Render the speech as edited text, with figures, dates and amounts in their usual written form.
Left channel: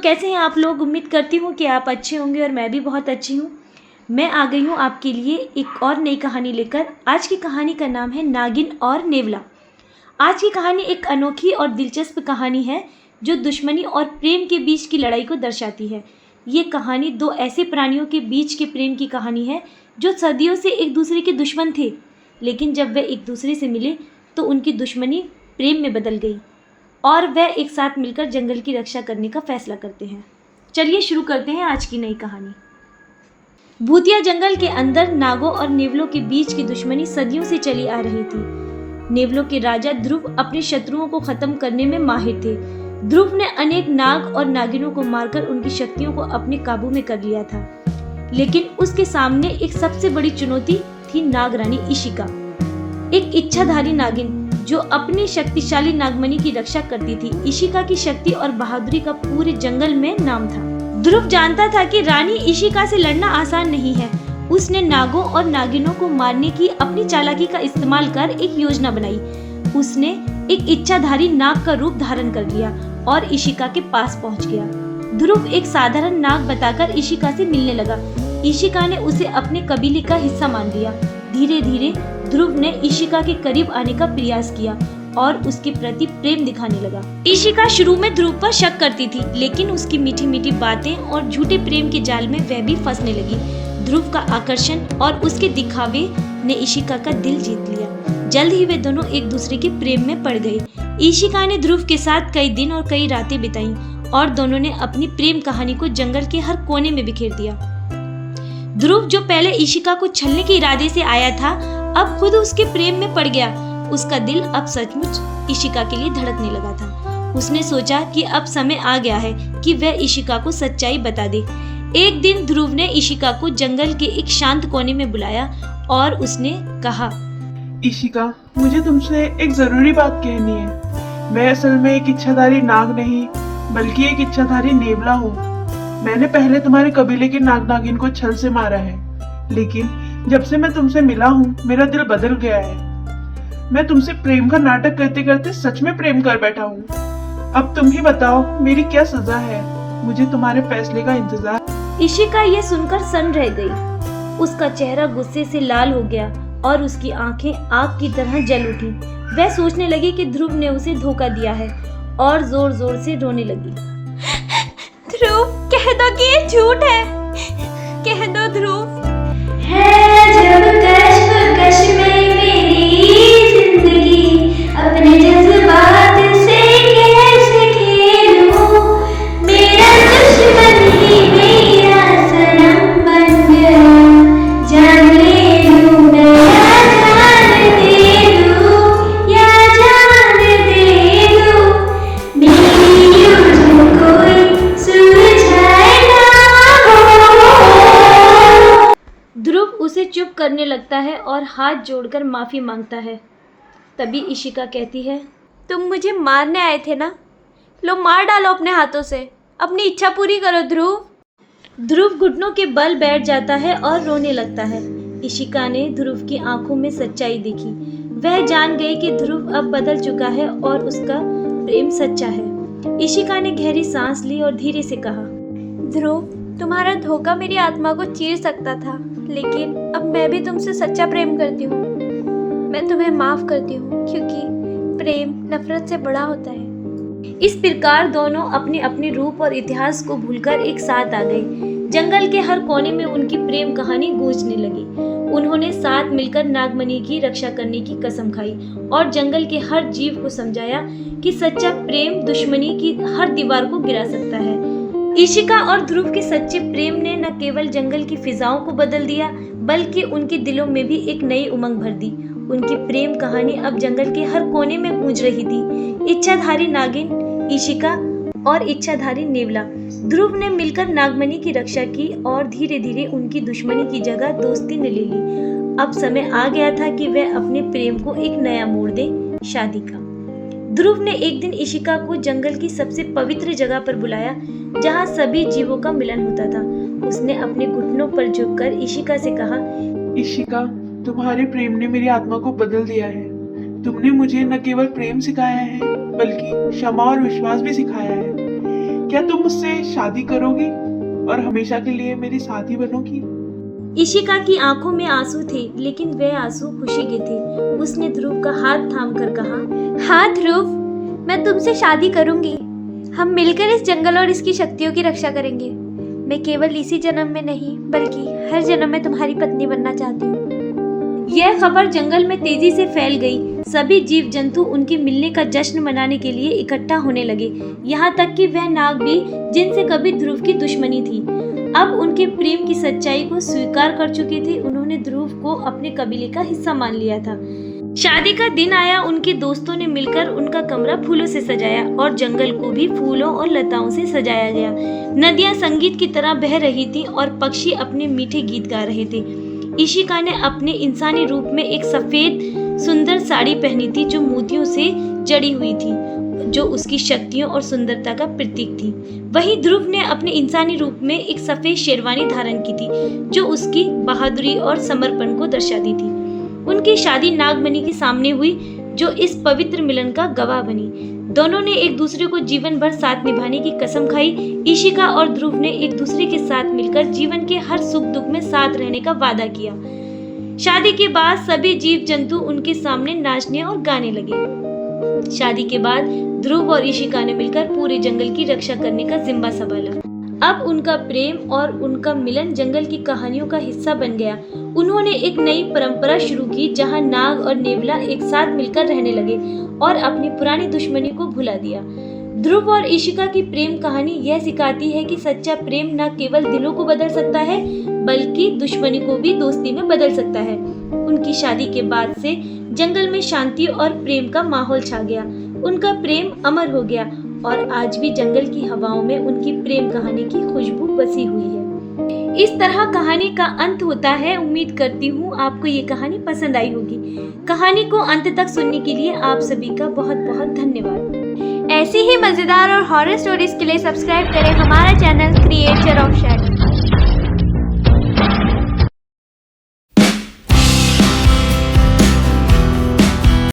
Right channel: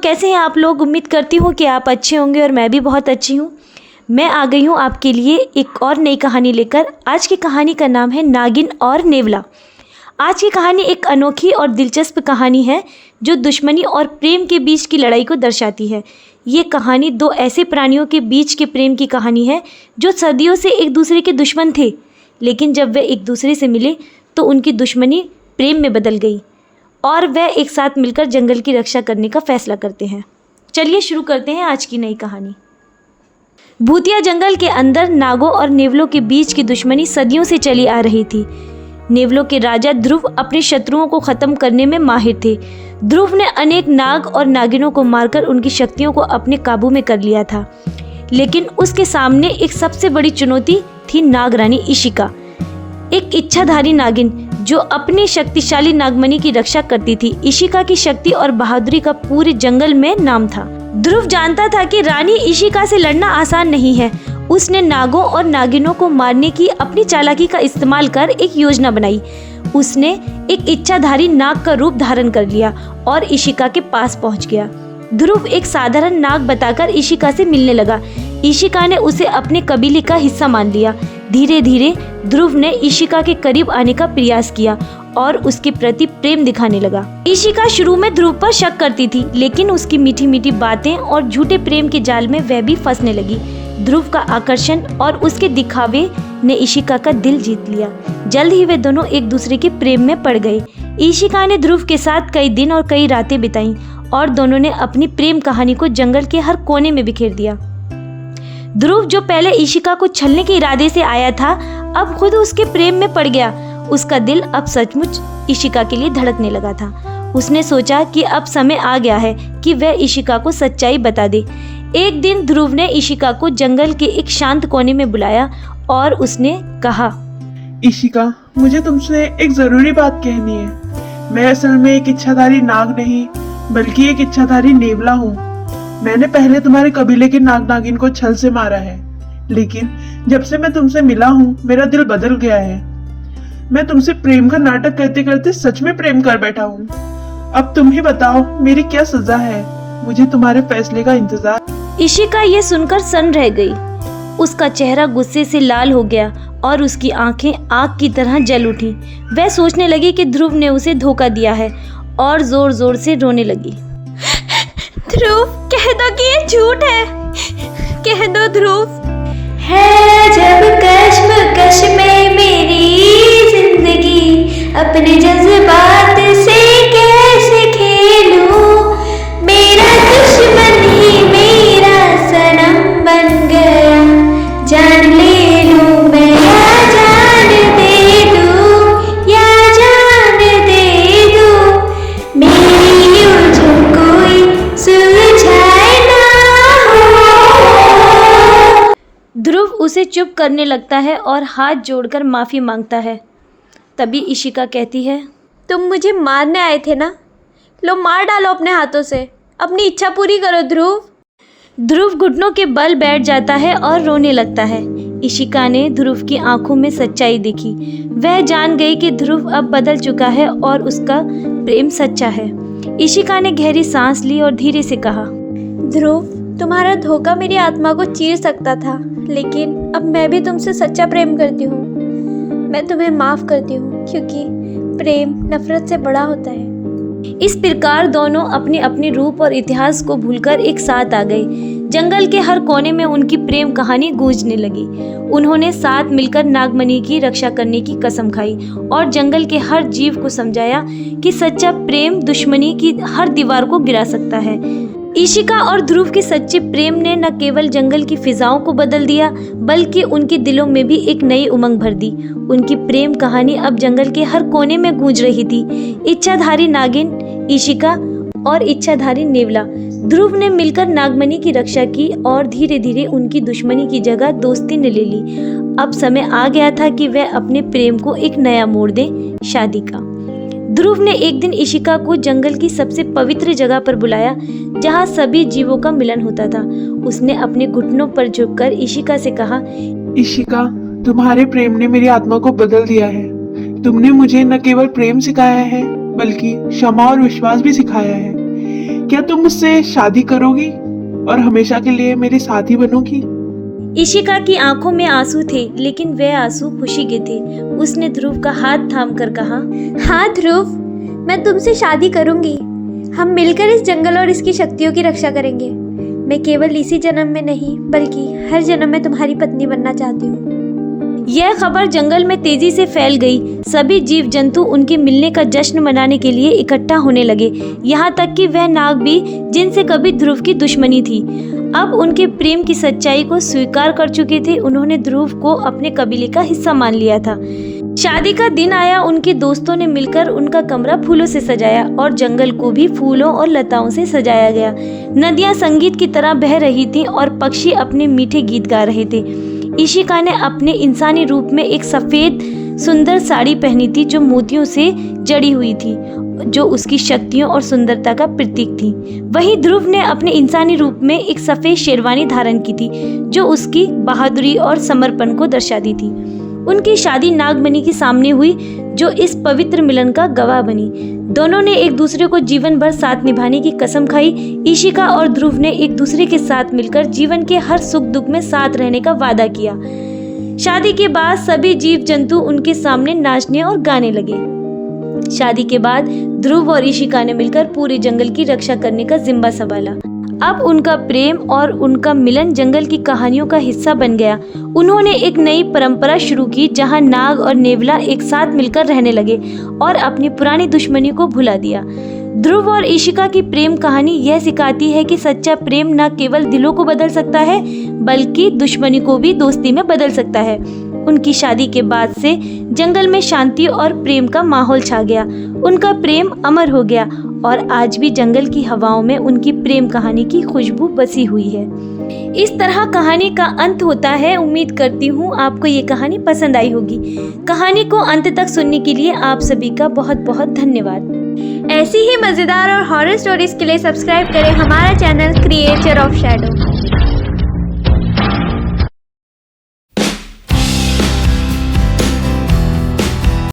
कैसे हैं आप लोग। उम्मीद करती हूँ कि आप अच्छे होंगे और मैं भी बहुत अच्छी हूँ। मैं आ गई हूँ आपके लिए एक और नई कहानी लेकर। आज की कहानी का नाम है नागिन और नेवला। आज की कहानी एक अनोखी और दिलचस्प कहानी है जो दुश्मनी और प्रेम के बीच की लड़ाई को दर्शाती है। ये कहानी दो ऐसे प्राणियों के बीच के प्रेम की कहानी है जो सदियों से एक दूसरे के दुश्मन थे, लेकिन जब वे एक दूसरे से मिले तो उनकी दुश्मनी प्रेम में बदल गई और वे एक साथ मिलकर जंगल की रक्षा करने का फैसला करते हैं। चलिए शुरू करते हैं आज की नई कहानी। भूतिया जंगल के अंदर नागों और नेवलों के बीच की दुश्मनी सदियों से चली आ रही थी। नेवलों के राजा ध्रुव अपने शत्रुओं को खत्म करने में माहिर थे। ध्रुव ने अनेक नाग और नागिनों को मारकर उनकी शक्तियों को अपने काबू में कर लिया था, लेकिन उसके सामने एक सबसे बड़ी चुनौती थी नागरानी इशिका, एक इच्छाधारी नागिन जो अपनी शक्तिशाली नागमणि की रक्षा करती थी। इशिका की शक्ति और बहादुरी का पूरे जंगल में नाम था। ध्रुव जानता था कि रानी इशिका से लड़ना आसान नहीं है। उसने नागों और नागिनों को मारने की अपनी चालाकी का इस्तेमाल कर एक योजना बनाई। उसने एक इच्छाधारी नाग का रूप धारण कर लिया और इशिका के पास पहुंच गया। ध्रुव एक साधारण नाग बताकर इशिका से मिलने लगा। इशिका ने उसे अपने कबीले का हिस्सा मान लिया। धीरे धीरे ध्रुव ने इशिका के करीब आने का प्रयास किया और उसके प्रति प्रेम दिखाने लगा। इशिका शुरू में ध्रुव पर शक करती थी, लेकिन उसकी मीठी मीठी बातें और झूठे प्रेम के जाल में वह भी फंसने लगी। ध्रुव का आकर्षण और उसके दिखावे ने इशिका का दिल जीत लिया। जल्द ही वे दोनों एक दूसरे के प्रेम में पड़ गए। इशिका ने ध्रुव के साथ कई दिन और कई रातें बिताई और दोनों ने अपनी प्रेम कहानी को जंगल के हर कोने में बिखेर दिया। ध्रुव, जो पहले इशिका को छलने के इरादे से आया था, अब खुद उसके प्रेम में पड़ गया। उसका दिल अब सचमुच इशिका के लिए धड़कने लगा था। उसने सोचा कि अब समय आ गया है कि वह इशिका को सच्चाई बता दे। एक दिन ध्रुव ने इशिका को जंगल के एक शांत कोने में बुलाया और उसने कहा, इशिका, मुझे तुमसे एक जरूरी बात कहनी है। मैं असल में एक इच्छाधारी नाग नहीं, बल्कि एक इच्छाधारी नेवला हूँ। मैंने पहले तुम्हारे कबीले की नाग नागिन को छल से मारा है, लेकिन जब से मैं तुमसे मिला हूँ मेरा दिल बदल गया है। मैं तुमसे प्रेम का नाटक करते करते सच में प्रेम कर बैठा हूँ। अब तुम ही बताओ मेरी क्या सजा है। मुझे तुम्हारे फैसले का इंतजार। इशिका ये सुनकर सन्न रह गई। उसका चेहरा गुस्से से लाल हो गया और उसकी आंखें आग की तरह जल उठी। वह सोचने लगी कि ध्रुव ने उसे धोखा दिया है और जोर जोर से रोने लगी। ध्रुव, कह दो कि ये झूठ है। कह दो ध्रुव। है जब कश्मकश में मेरी जिंदगी, अपने जज्बात से कैसे खेलूं। मेरा दुश्मन ही मेरा सनम बन गया। जान ले लूं मैं या जान दे दूं, या जान दे दूं। मेरी उलझन कोई सुलझाए ना हो। ध्रुव उसे चुप करने लगता है और हाथ जोड़कर माफी मांगता है। तभी इशिका कहती है, तुम मुझे मारने आए थे ना, लो मार डालो अपने हाथों से। अपनी इच्छा पूरी करो ध्रुव। ध्रुव घुटनों के बल बैठ जाता है और रोने लगता है। इशिका ने ध्रुव की आंखों में सच्चाई देखी। वह जान गई कि ध्रुव अब बदल चुका है और उसका प्रेम सच्चा है। इशिका ने गहरी सांस ली और धीरे से कहा, ध्रुव, तुम्हारा धोखा मेरी आत्मा को चीर सकता था, लेकिन अब मैं भी तुमसे सच्चा प्रेम करती हूँ। मैं तुम्हें माफ करती हूँ, क्योंकि प्रेम नफरत से बड़ा होता है। इस प्रकार दोनों अपने अपने रूप और इतिहास को भूलकर एक साथ आ गए। जंगल के हर कोने में उनकी प्रेम कहानी गूंजने लगी। उन्होंने साथ मिलकर नागमणि की रक्षा करने की कसम खाई और जंगल के हर जीव को समझाया कि सच्चा प्रेम दुश्मनी की हर दीवार को गिरा सकता है। इशिका और ध्रुव के सच्चे प्रेम ने न केवल जंगल की फिजाओं को बदल दिया, बल्कि उनके दिलों में भी एक नई उमंग भर दी। उनकी प्रेम कहानी अब जंगल के हर कोने में गूंज रही थी। इच्छाधारी नागिन इशिका और इच्छाधारी नेवला ध्रुव ने मिलकर नागमणि की रक्षा की और धीरे धीरे उनकी दुश्मनी की जगह दोस्ती ने ले ली। अब समय आ गया था कि वह अपने प्रेम को एक नया मोड़ दें, शादी का। ध्रुव ने एक दिन इशिका को जंगल की सबसे पवित्र जगह पर बुलाया, जहाँ सभी जीवों का मिलन होता था। उसने अपने घुटनों पर झुककर इशिका से कहा, इशिका, तुम्हारे प्रेम ने मेरी आत्मा को बदल दिया है। तुमने मुझे न केवल प्रेम सिखाया है, बल्कि क्षमा और विश्वास भी सिखाया है। क्या तुम मुझसे शादी करोगी और हमेशा के लिए मेरी साथी बनोगी? इशिका की आंखों में आंसू थे, लेकिन वे आंसू खुशी के थे। उसने ध्रुव का हाथ थामकर कहा, हाँ ध्रुव, मैं तुमसे शादी करूंगी। हम मिलकर इस जंगल और इसकी शक्तियों की रक्षा करेंगे। मैं केवल इसी जन्म में नहीं बल्कि हर जन्म में तुम्हारी पत्नी बनना चाहती हूँ। यह खबर जंगल में तेजी से फैल गई। सभी जीव जंतु उनके मिलने का जश्न मनाने के लिए इकट्ठा होने लगे, यहाँ तक कि वह नाग भी जिनसे कभी ध्रुव की दुश्मनी थी, अब उनके प्रेम की सच्चाई को स्वीकार कर चुके थे। उन्होंने ध्रुव को अपने कबीले का हिस्सा मान लिया था। शादी का दिन आया। उनके दोस्तों ने मिलकर उनका कमरा फूलों से सजाया और जंगल को भी फूलों और लताओं से सजाया गया। नदियां संगीत की तरह बह रही थीं और पक्षी अपने मीठे गीत गा रहे थे। इशिका ने अपने इंसानी रूप में एक सफेद सुंदर साड़ी पहनी थी जो मोतियों से जड़ी हुई थी, जो उसकी शक्तियों और सुंदरता का प्रतीक थी। वहीं ध्रुव ने अपने इंसानी रूप में एक सफेद शेरवानी धारण की थी जो उसकी बहादुरी और समर्पण को दर्शाती थी। उनकी शादी नागमणि के सामने हुई जो इस पवित्र मिलन का गवाह बनी। दोनों ने एक दूसरे को जीवन भर साथ निभाने की कसम खाई। इशिका और ध्रुव ने एक दूसरे के साथ मिलकर जीवन के हर सुख दुख में साथ रहने का वादा किया। शादी के बाद सभी जीव जंतु उनके सामने नाचने और गाने लगे। शादी के बाद ध्रुव और इशिका ने मिलकर पूरे जंगल की रक्षा करने का जिम्मा संभाला। अब उनका प्रेम और उनका मिलन जंगल की कहानियों का हिस्सा बन गया। उन्होंने एक नई परंपरा शुरू की जहां नाग और नेवला एक साथ मिलकर रहने लगे और अपनी पुरानी दुश्मनी को भुला दिया। ध्रुव और इशिका की प्रेम कहानी यह सिखाती है कि सच्चा प्रेम न केवल दिलों को बदल सकता है बल्कि दुश्मनी को भी दोस्ती में बदल सकता है। उनकी शादी के बाद से जंगल में शांति और प्रेम का माहौल छा गया। उनका प्रेम अमर हो गया और आज भी जंगल की हवाओं में उनकी प्रेम कहानी की खुशबू बसी हुई है। इस तरह कहानी का अंत होता है। उम्मीद करती हूँ आपको ये कहानी पसंद आई होगी। कहानी को अंत तक सुनने के लिए आप सभी का बहुत बहुत धन्यवाद। ऐसी ही मज़ेदार और हॉरर स्टोरीज के लिए सब्सक्राइब करें हमारा चैनल क्रिएचर ऑफ शैडो।